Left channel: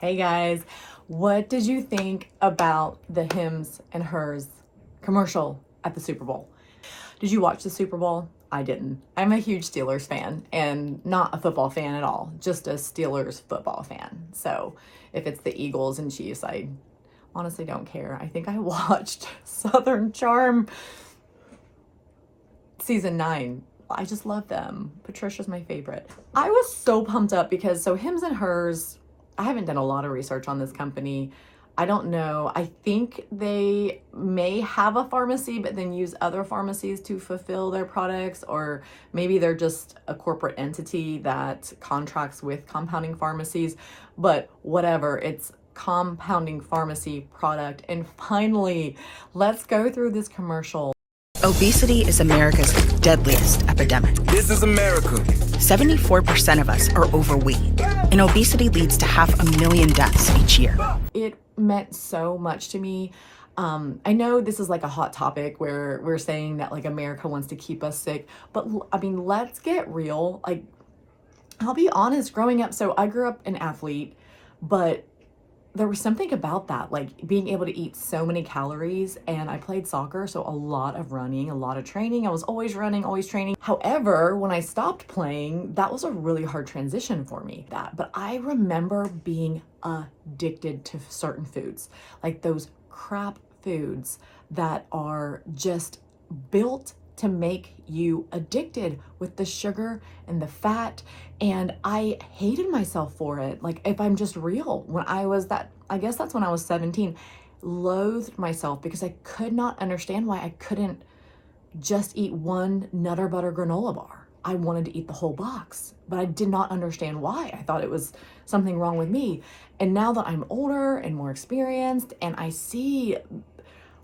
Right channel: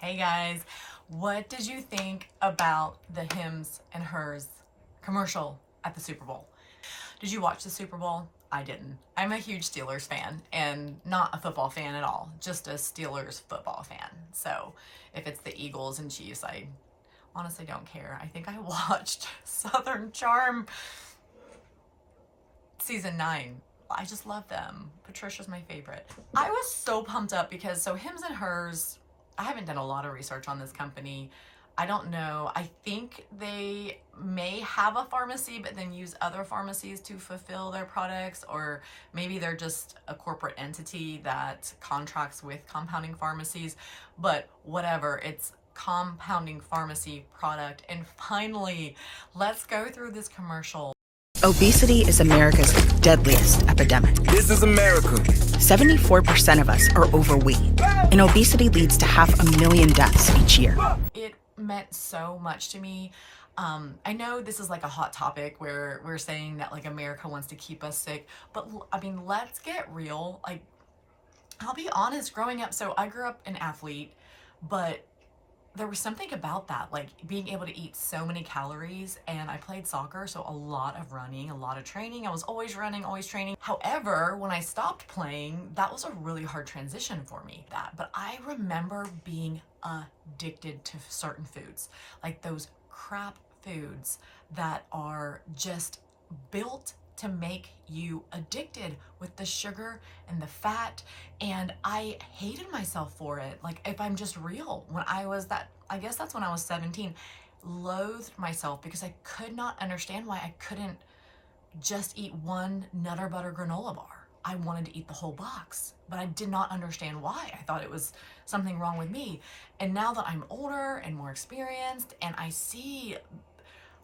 Hey guys, what did you think about the Hims and Hers commercial at the Super Bowl? Did you watch the Super Bowl? I didn't. I'm a huge Steelers fan and not a football fan at all, just a Steelers football fan. So if it's the Eagles and Chiefs, I honestly don't care. I think I watched Southern Charm season 9. I just love them. Patricia's my favorite. I was so pumped up because Hims and Hers, I haven't done a lot of research on this company. I don't know. I think they may have a pharmacy, but then use other pharmacies to fulfill their products, or maybe they're just a corporate entity that contracts with compounding pharmacies. But whatever, it's compounding pharmacy product. And finally, let's go through this commercial. Obesity is America's deadliest epidemic. This is America. 74% of us are overweight, and obesity leads to 500,000 deaths each year. It meant so much to me. I know this is like a hot topic where we're saying that like America wants to keep us sick, but I mean, let's get real. Like, I'll be honest, growing up, so I grew up an athlete, but there was something about that, like being able to eat so many calories. And I played soccer, so a lot of running, a lot of training. I was always running, always training. However, when I stopped playing, that was a really hard transition for me. But I remember being addicted to certain foods, like those crap foods that are just built to make you addicted with the sugar and the fat. And I hated myself for it. Like, if I'm just real, when I was I guess that's when I was 17, loathed myself because I could not understand why I couldn't just eat one Nutter Butter granola bar. I wanted to eat the whole box, but I did not understand why. I thought it was something wrong with me. And now that I'm older and more experienced, and I see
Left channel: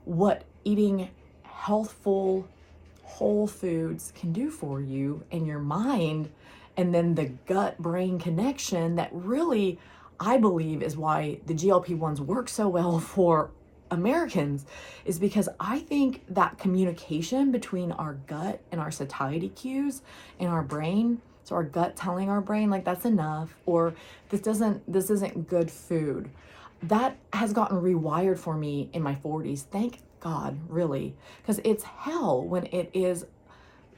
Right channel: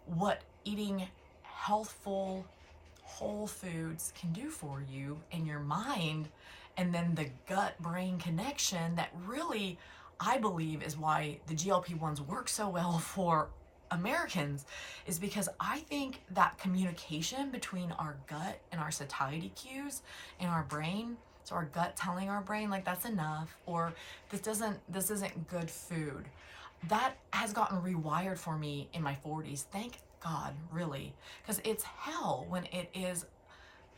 what eating healthful whole foods can do for you and your mind, and then the gut-brain connection that really, I believe, is why the GLP-1s work so well for Americans, is because I think that communication between our gut and our satiety cues in our brain, so our gut telling our brain like that's enough, or this isn't good food, that has gotten rewired for me in my 40s. Thank God, really, because it's hell when it is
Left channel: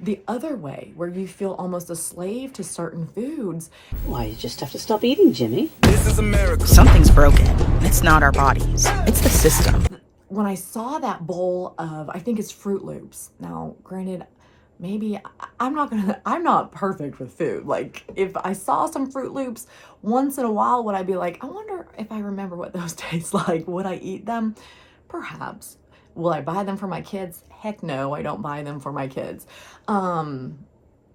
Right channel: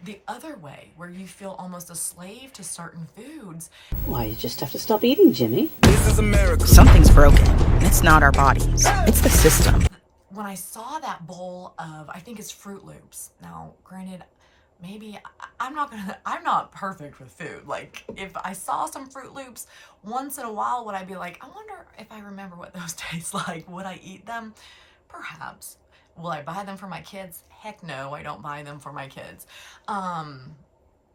the other way, where you feel almost a slave to certain foods. Why, you just have to stop eating, Jimmy. This is America. Something's broken, and it's not our bodies, it's the system. When I saw that bowl of, I think it's Fruit Loops. Now, granted, maybe I'm not perfect with food. Like, if I saw some Fruit Loops once in a while, would I be like, I wonder if I remember what those taste like? Would I eat them? Perhaps. Will I buy them for my kids? Heck no, I don't buy them for my kids.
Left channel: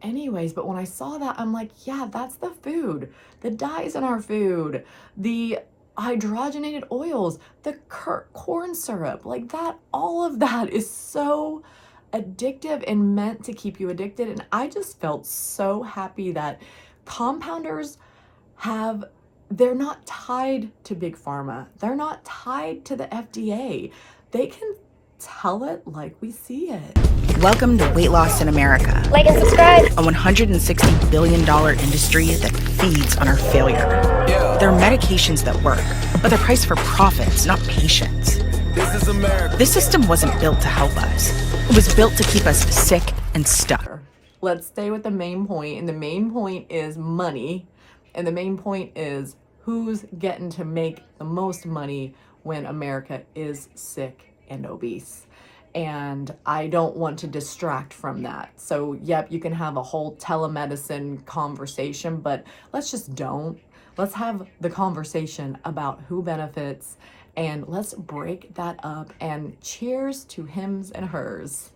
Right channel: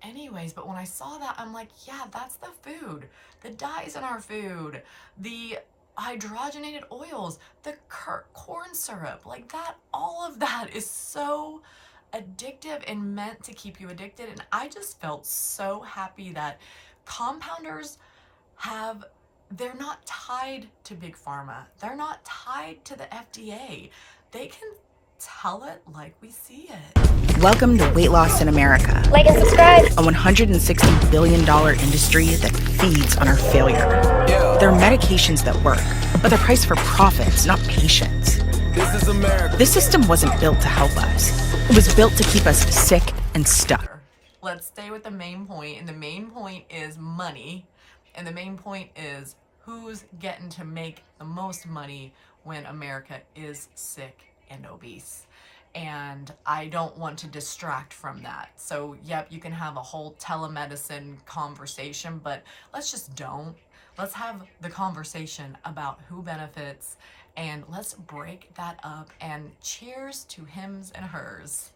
Anyways, but when I saw that, I'm like, yeah, that's the food. The dyes in our food, the hydrogenated oils, the corn syrup, like that, all of that is so addictive and meant to keep you addicted. And I just felt so happy that compounders they're not tied to Big Pharma. They're not tied to the FDA. They can tell it like we see it. Welcome to Weight Loss in America. Like and subscribe. A $160 billion industry that feeds on our failure. Yeah. There are medications that work, but they're priced for profits, not patients. This is America. This system wasn't built to help us. It was built to keep us sick and stuck. Let's stay with the main point, and the main point is money, and the main point is who's getting to make the most money when America is sick and obese. And I don't want to distract from that. So yep, you can have a whole telemedicine conversation, but let's just don't. Let's have the conversation about who benefits, and let's break that up. And cheers to Hims and Hers.